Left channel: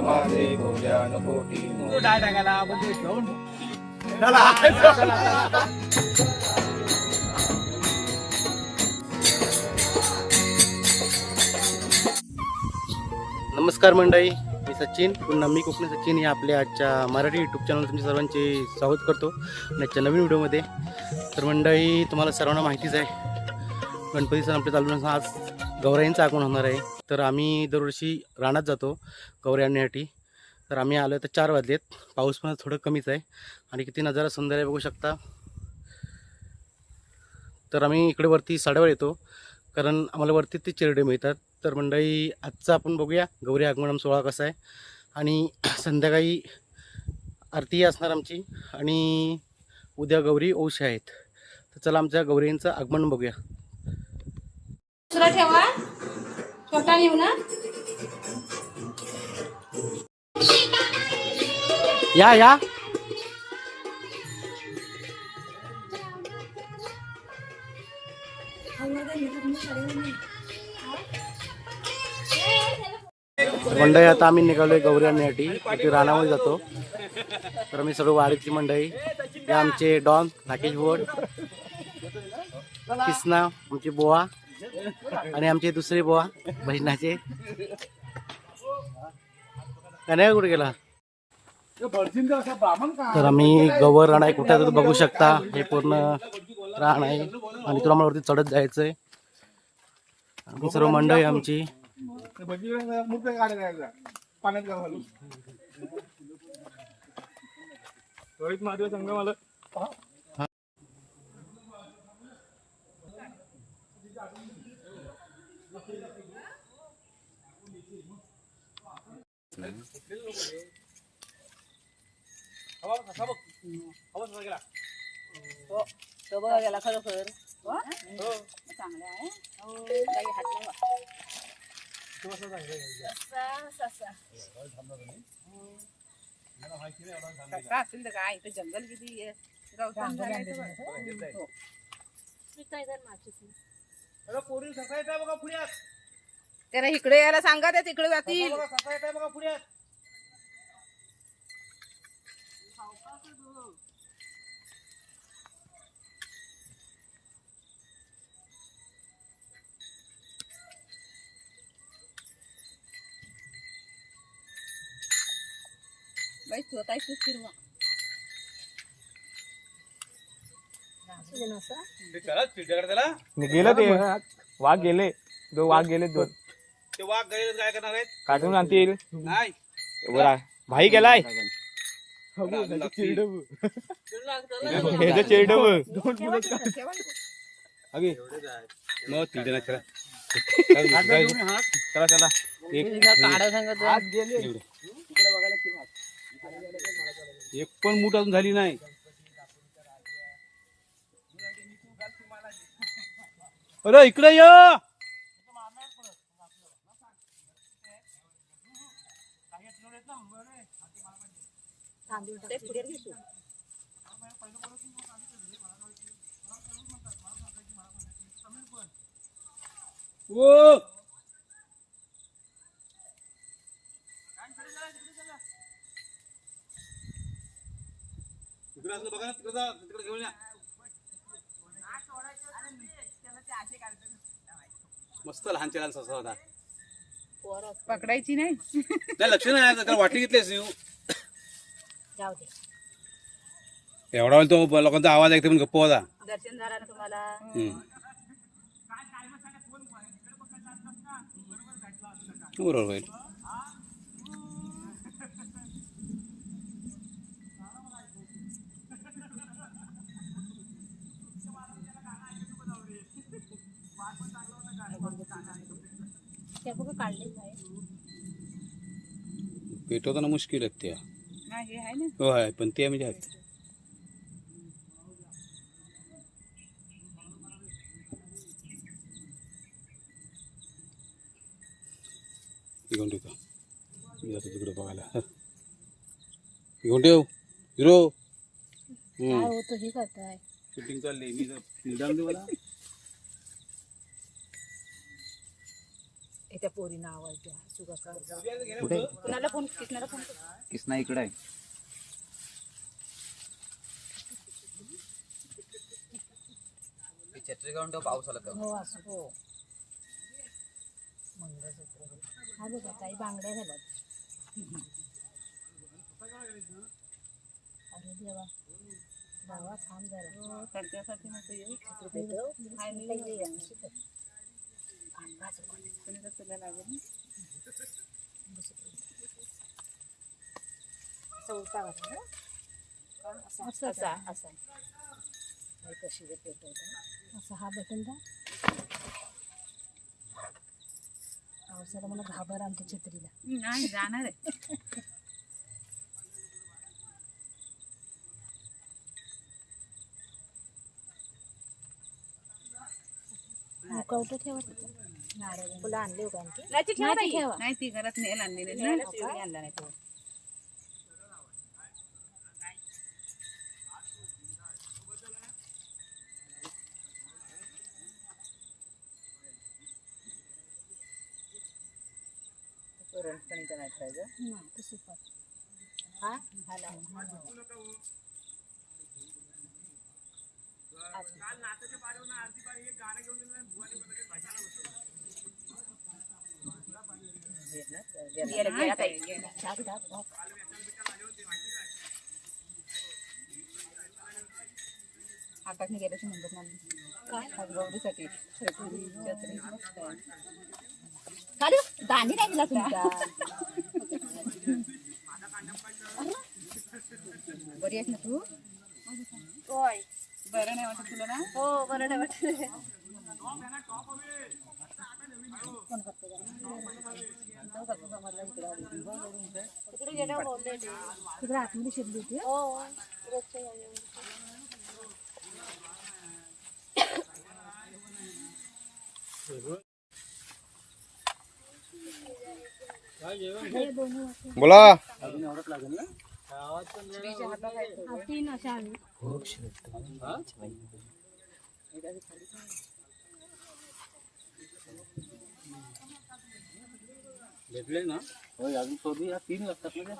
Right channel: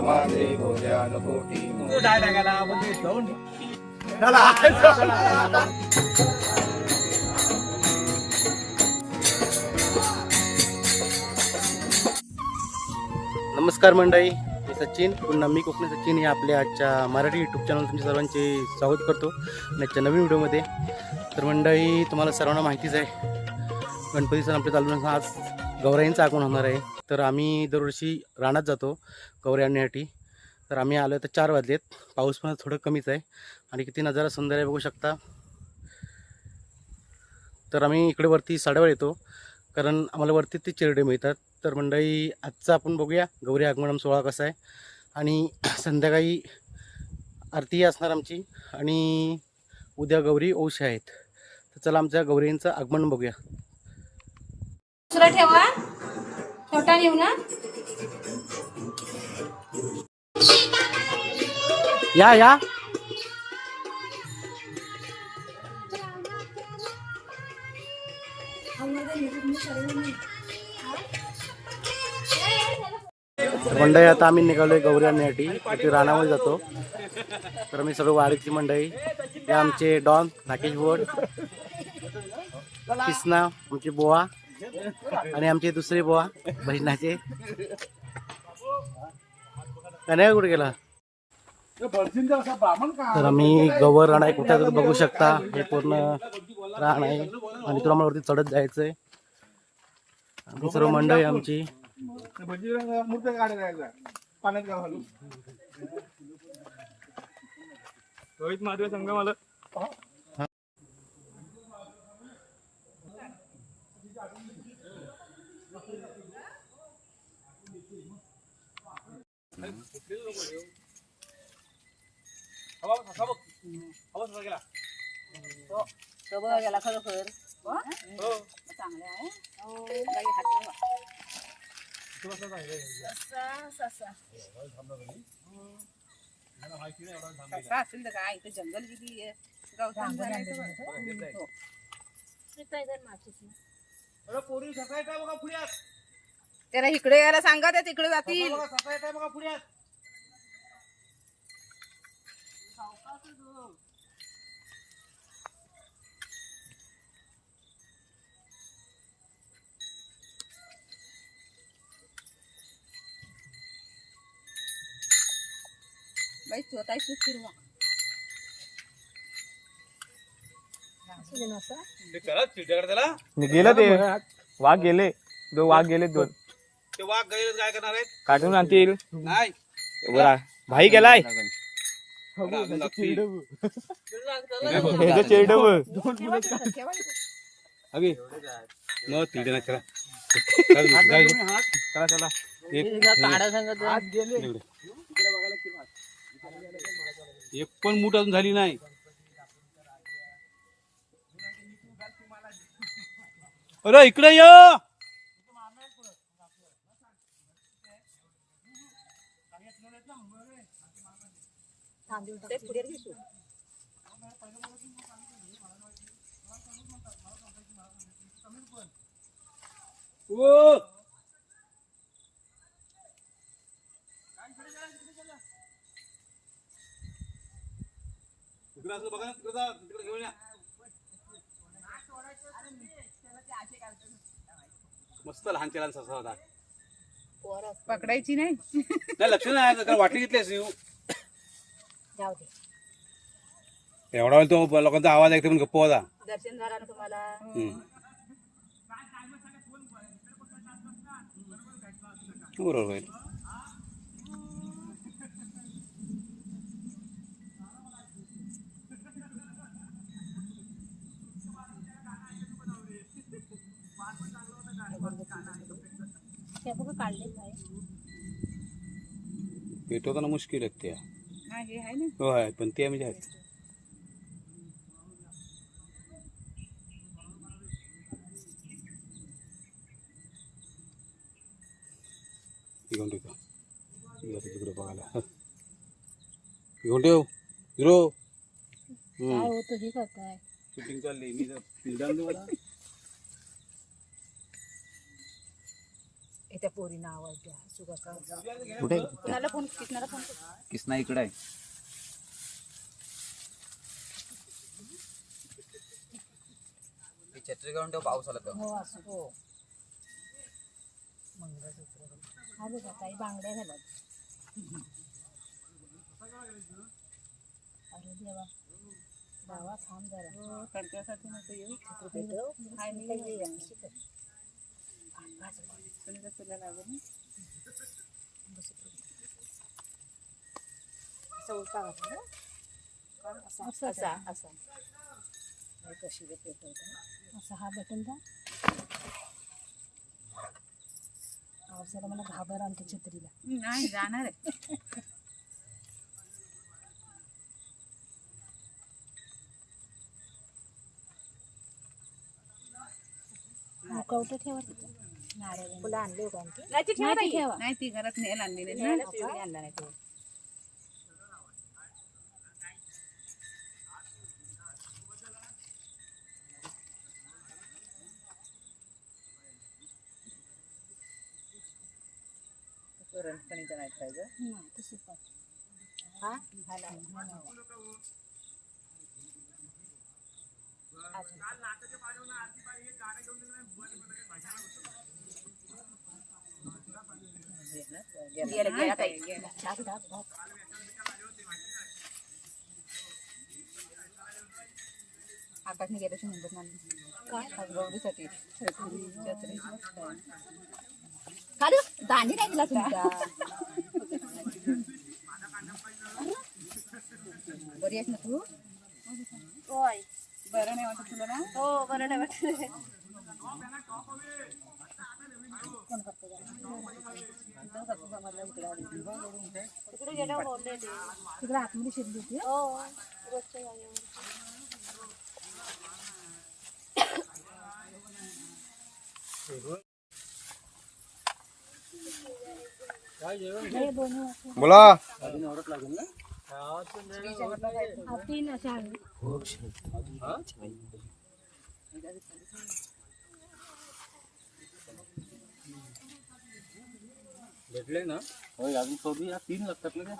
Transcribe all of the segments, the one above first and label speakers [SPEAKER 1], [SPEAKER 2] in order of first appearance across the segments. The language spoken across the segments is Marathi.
[SPEAKER 1] माझे गोजान कोटी
[SPEAKER 2] नमस्कार मंडळी मी सचिन. पुन्हा मी कोकणी सचिन या आपल्या आजच्या मराठी यूट्यूब चॅनल तुमच्या सर्वांचे स्वागत करतो आणि आजच्या नवीन व्हिडिओमध्ये तर मंडळी तुम्हाला सर्वांना माहितीच आहे गणपती सण आपले चालू आज गौराईंचं आगमन होणार आहे. तर आम्ही दरवर्षी रानात जातो कवरे आणण्यासाठी. तर आम्ही आलो तर चार वाजलेत. पाऊस पण थोडं कमीच आहे. आणि किती नजारा सुंदर आहे बघू शकता. तर आम्ही इकडे वरती साडेवर येतो. कारण आम्हाला वरती ते चिरडे मिळतात. तर मंडळी आजचा आपण बघूया. गौरी आगमन सोहळा कसा आहे. आणि संध्याकाळी आरती असणार आमची. आणि उद्या गौरी औष आहेत. तर चला आमच्या गौरींचं आगमन बघूया.
[SPEAKER 3] ठेवा. छोटा लिहू ना?
[SPEAKER 2] या या. मंडई मंडळी आता आम्ही निघालोय गौरी आणण्यासाठी इथे रानामध्ये जातो. तर मी सर्व वाडीतली मंडळी हे आमचे डॉन राकेश भोड किसना आमची बोवा. आणि आमचे दुसरे बोवा बहिणाचे. कन्या कुठे गेला? तर आम्ही गवर राण आहे कुठे बघू शकता. हे पूर्ण राण आहे आणि तुला मला वरती चढत जायचंय. आम्ही सर्व मंडळी आमची.
[SPEAKER 1] पाण्यात रोहित महादेव मला
[SPEAKER 3] तो बघा गेला खरोखर चांगला आहे बाई, हात लावा. ससा, ससा. ससा असेल तर काय इथं जंगल किती आहे. झालंय. त्याला इकडे यायला सांगा त्या तिकडे जातील बाई स्वतः फिरवा.
[SPEAKER 1] गेलं ते. वाघ गेले. दो वाघ गेले दोन
[SPEAKER 4] ते वाघ गैर काय करणार आहेत?
[SPEAKER 1] काढून आणतील.
[SPEAKER 4] नाही.
[SPEAKER 1] बरा भाई गेलाय. अगे
[SPEAKER 4] न तिथे नाही चला.
[SPEAKER 1] चला चला.
[SPEAKER 4] एक. पण मूठ अजून झाली नाही. अरे इकडे ये. ओ! इकडे असं बघा तिकडे जा, तिकडे घेऊन या. मस्त लहान लहान ससा होता.
[SPEAKER 3] पकडायची नाही.
[SPEAKER 4] नाही लक्ष नाही आहे, कारण वाटली घेतली असती
[SPEAKER 3] जाऊ दे.
[SPEAKER 4] एवढा वेळ तो लोकांचा आवाज ऐकतो पण गप्प होता
[SPEAKER 3] दर्शन झालं ना तुम्हाला?
[SPEAKER 4] हम्म. बरोबर होईल
[SPEAKER 3] हे बघा काढले काय
[SPEAKER 4] पेटवताना मुश्किल आहे त्या
[SPEAKER 3] हा हे आहे ना
[SPEAKER 4] हो आहे पण ते म्हणजे आहेत घेऊन ठेवतो मी जातो तिकडे बघायला घेऊन ठेव हिरो।
[SPEAKER 3] काय होतं हे करताय
[SPEAKER 4] शूटिंग चालली मी निदान मला
[SPEAKER 5] त्या पोरीना आवाज द्या सुगा
[SPEAKER 6] कुठे?
[SPEAKER 5] कुणाला फोन किसणारा फोन
[SPEAKER 7] किसना इकडे आहे. छत्री ठेव पाऊस आला तर
[SPEAKER 5] हो असं. हो. मंगळसूत्र. आले का काही बांगड्या घालत अरे देवा. बाबा थांब जरा. हो तडक्यासाठी नको येऊ. तुला लागेल असं असा असा कशी ते असा हा बटन द्या पावसाला मला घाबर आमच्या छत्रीला
[SPEAKER 8] नाही जाणार आहे
[SPEAKER 5] मुकवटं ठेवा तिथं फुलं आणले हो का आणखी
[SPEAKER 8] नाही ती ठेवा
[SPEAKER 5] नाही. ठेवा.
[SPEAKER 8] नाही ती घरात नेल आणलेली आणला नाही तो पुरणपणीचं नाही
[SPEAKER 5] तसं हा हा हा. अजून. गेलं, गेलं ताई. आकाशने नंबर नाही काय? गौरीसाठी काढू दांडी नाही दिला बरी आहेस ना तू? होय.
[SPEAKER 8] बरं नाही वाटत तुला ना?
[SPEAKER 5] हो बरं नाही वाटत. कोण करते? तिकडे गेल्यावर बोलले ते तिकडे आतमध्ये शिरली होती हो रोजच्या जागेवर
[SPEAKER 1] बोला
[SPEAKER 6] अजून एवढंच लागेल ना
[SPEAKER 5] तीन अशा
[SPEAKER 6] भेटले ना?
[SPEAKER 7] हो अजून थोडी या तीन लागतात ना.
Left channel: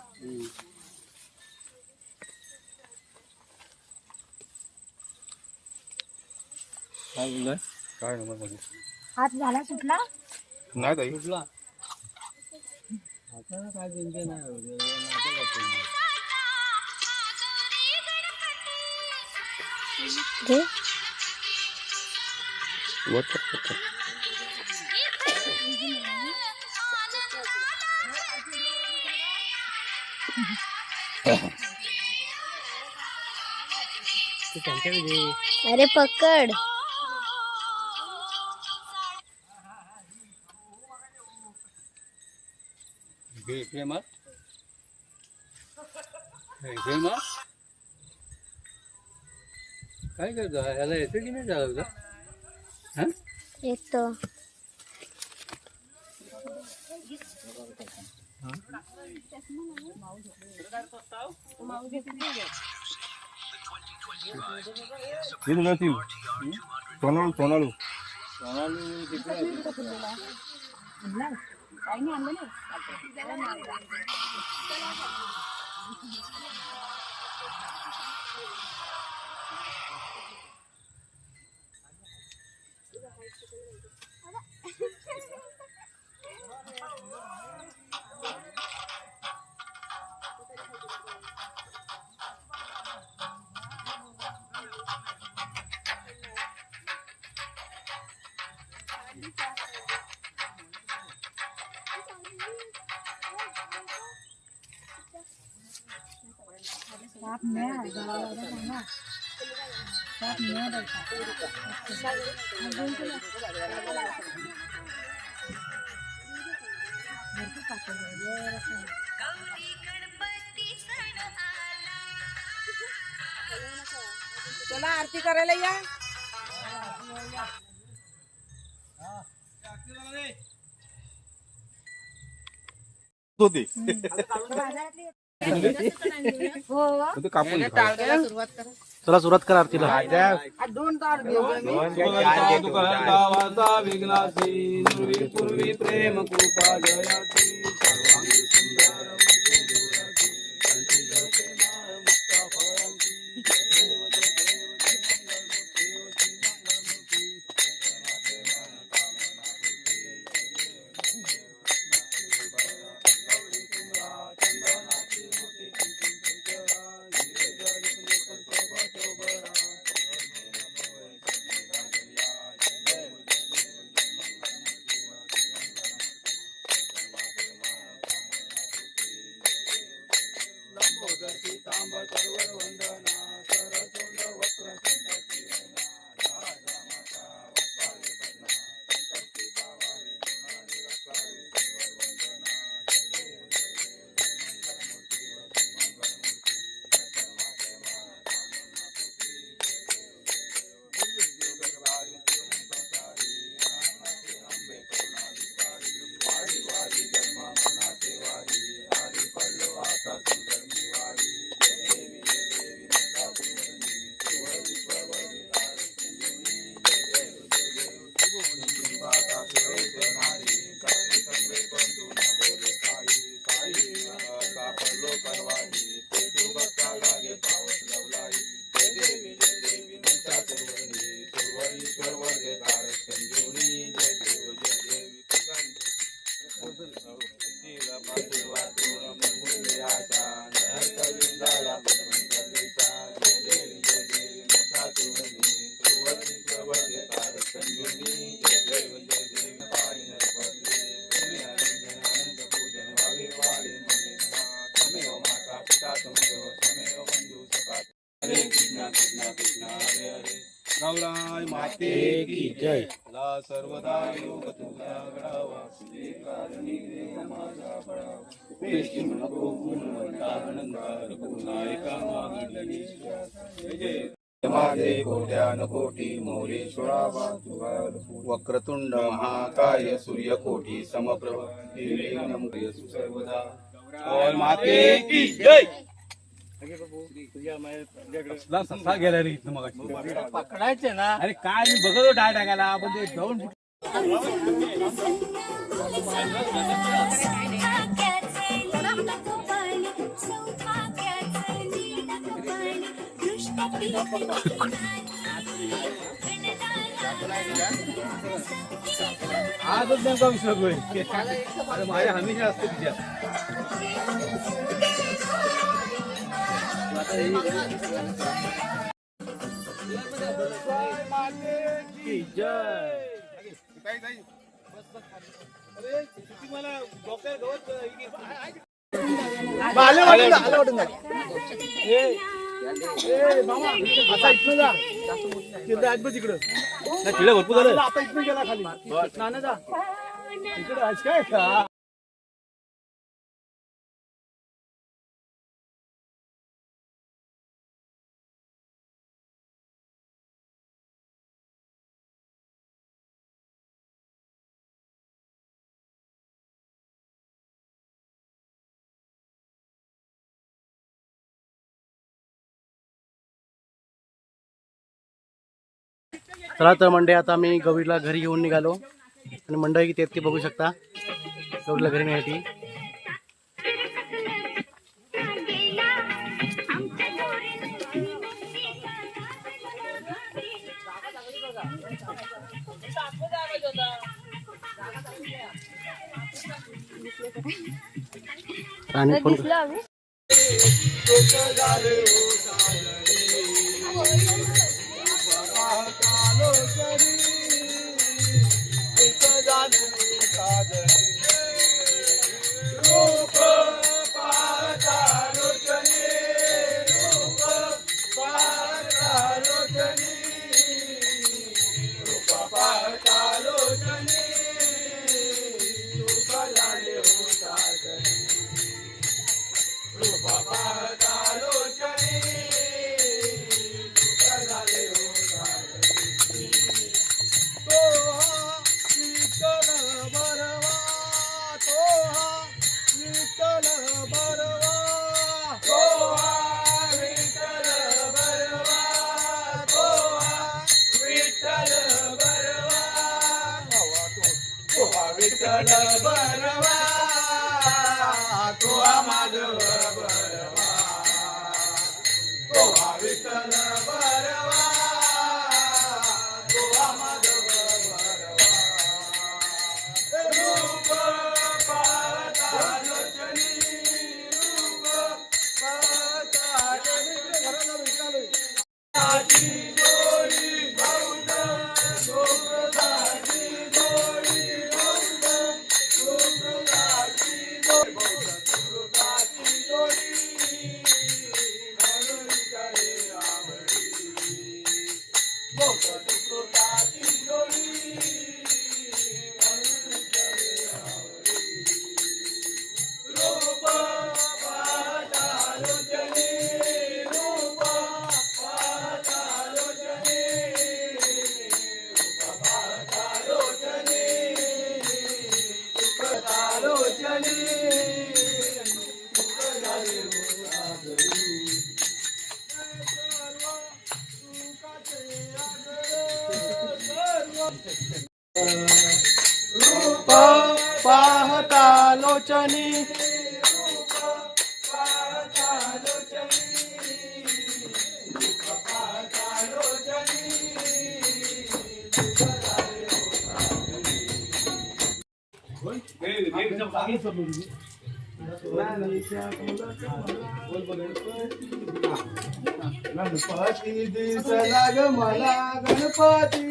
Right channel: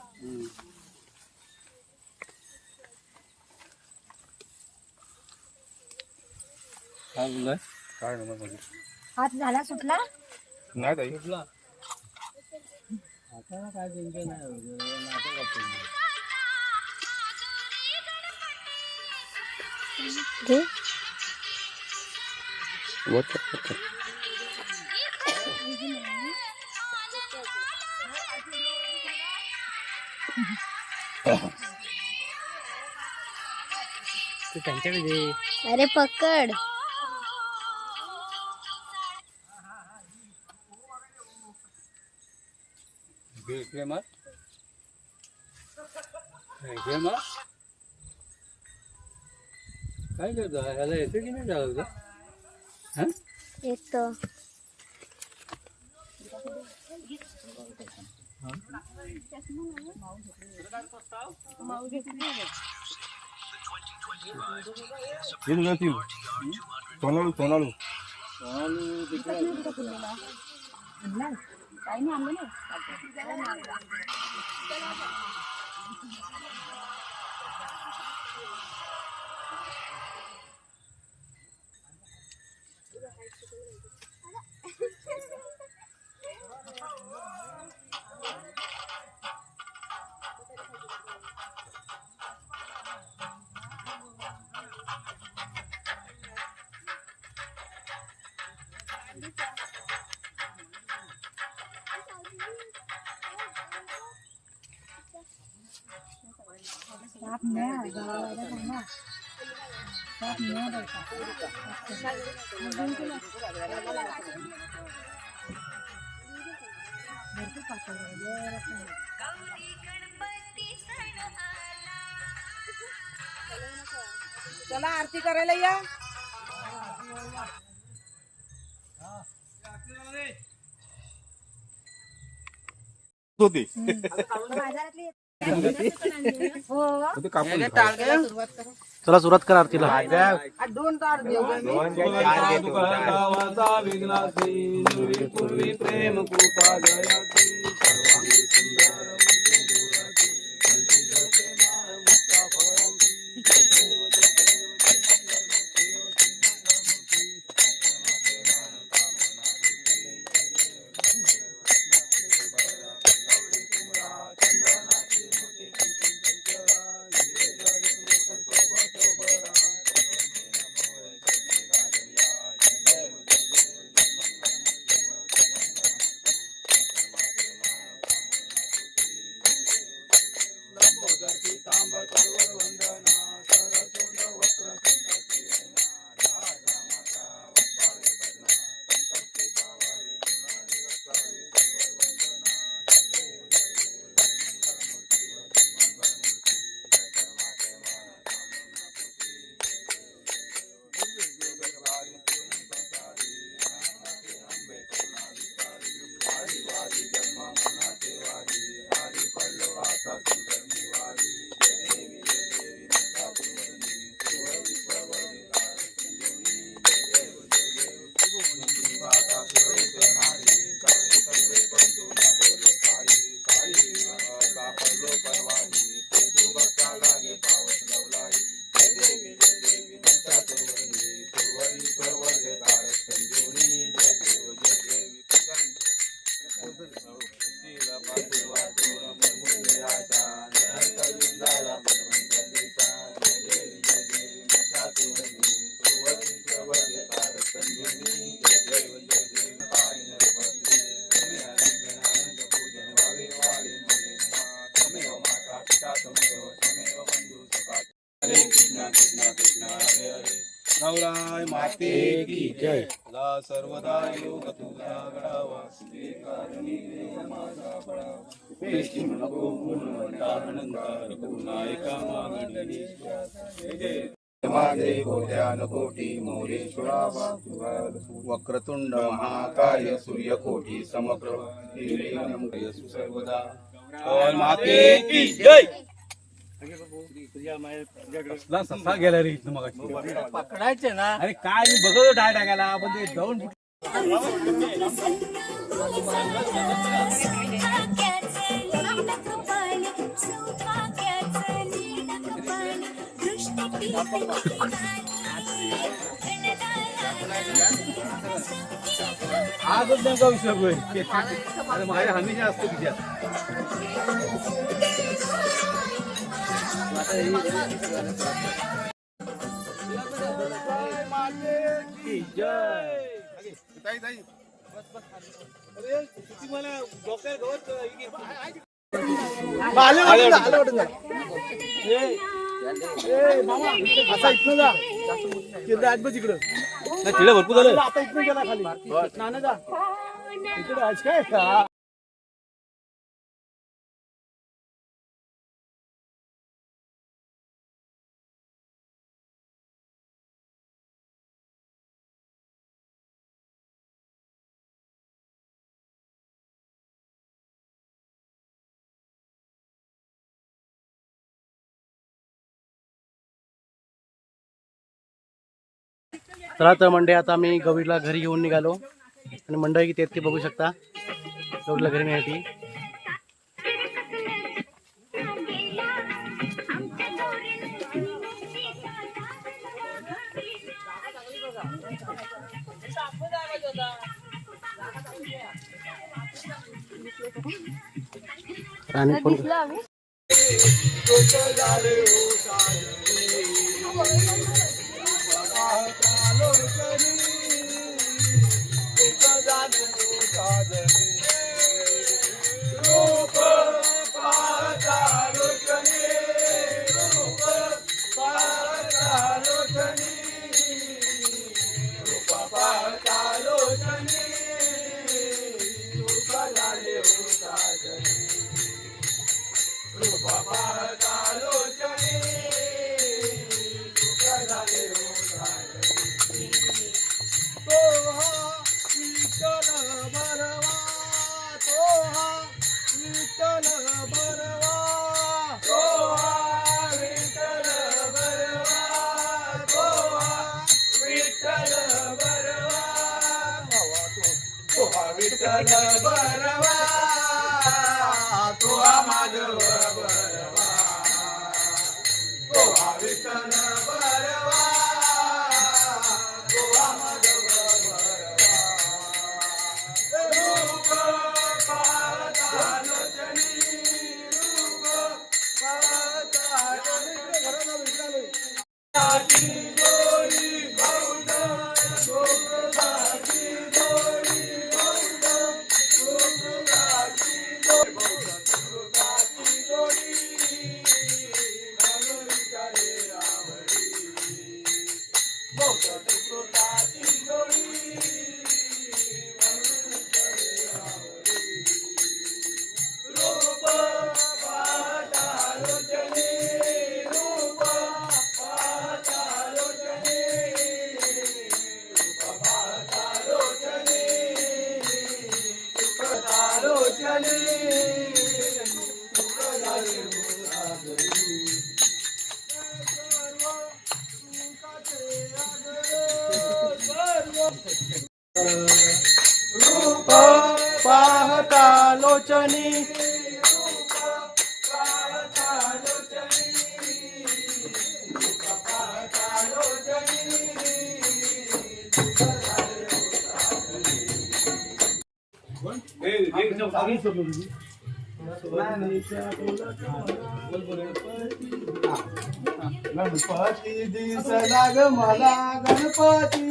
[SPEAKER 7] काय बोललाय
[SPEAKER 4] काय.
[SPEAKER 5] हात झाला सुटला?
[SPEAKER 1] नाही ताई.
[SPEAKER 7] आता काय बिंके नाही करतो
[SPEAKER 6] तू त्यांच्याकडे दे
[SPEAKER 3] अरे पकड.
[SPEAKER 4] इकडे इकडे काय करतो ह्याला येते की नाही हा?
[SPEAKER 3] येतो.
[SPEAKER 1] तीन घ्या तीन सोनाळू सोनाळू
[SPEAKER 8] चला आरती करायला या.
[SPEAKER 1] होती.
[SPEAKER 5] हो
[SPEAKER 1] ते कापून खा.
[SPEAKER 8] सुरुवात करा.
[SPEAKER 4] चला सुरुवात करा आरतीला.
[SPEAKER 7] दोन तार
[SPEAKER 9] प्रेम कृपा जयाची जय.
[SPEAKER 6] सदा सर्वदा योग तुझा घडावा श्रीकारणी देव माझा पळा पेशी नको गुणवंता आनंदार पुनायका मागणी माझे कोट्यान कोटी मोरेश्वरा वासुवार वक्रतुंड महाकाय सूर्यकोटी समप्रभ सर्वदा ओम माते की जय.
[SPEAKER 9] पकडायचे ना. अरे काय मी बघतो डाळ टाकायला आपण ते जाऊन आजच विषय होय. अरे माझ्या हमेशा असते तिच्यात.
[SPEAKER 4] की जय
[SPEAKER 9] आता इथनं जा तिथं आज बघ तिकडं तिकडे भरपूर झालं आता इथनं गेला खाली नाना जा इकडे आज काय का
[SPEAKER 4] चला तर मंडळी आता आम्ही गौरीला घरी घेऊन निघालो. आणि मंडळी किती आहेत ते बघू शकता. गौरीला घरी नेण्यासाठी. आणि फोन
[SPEAKER 10] दिसलो
[SPEAKER 2] लोचनी
[SPEAKER 4] गणपती दिसला ग मला गणपती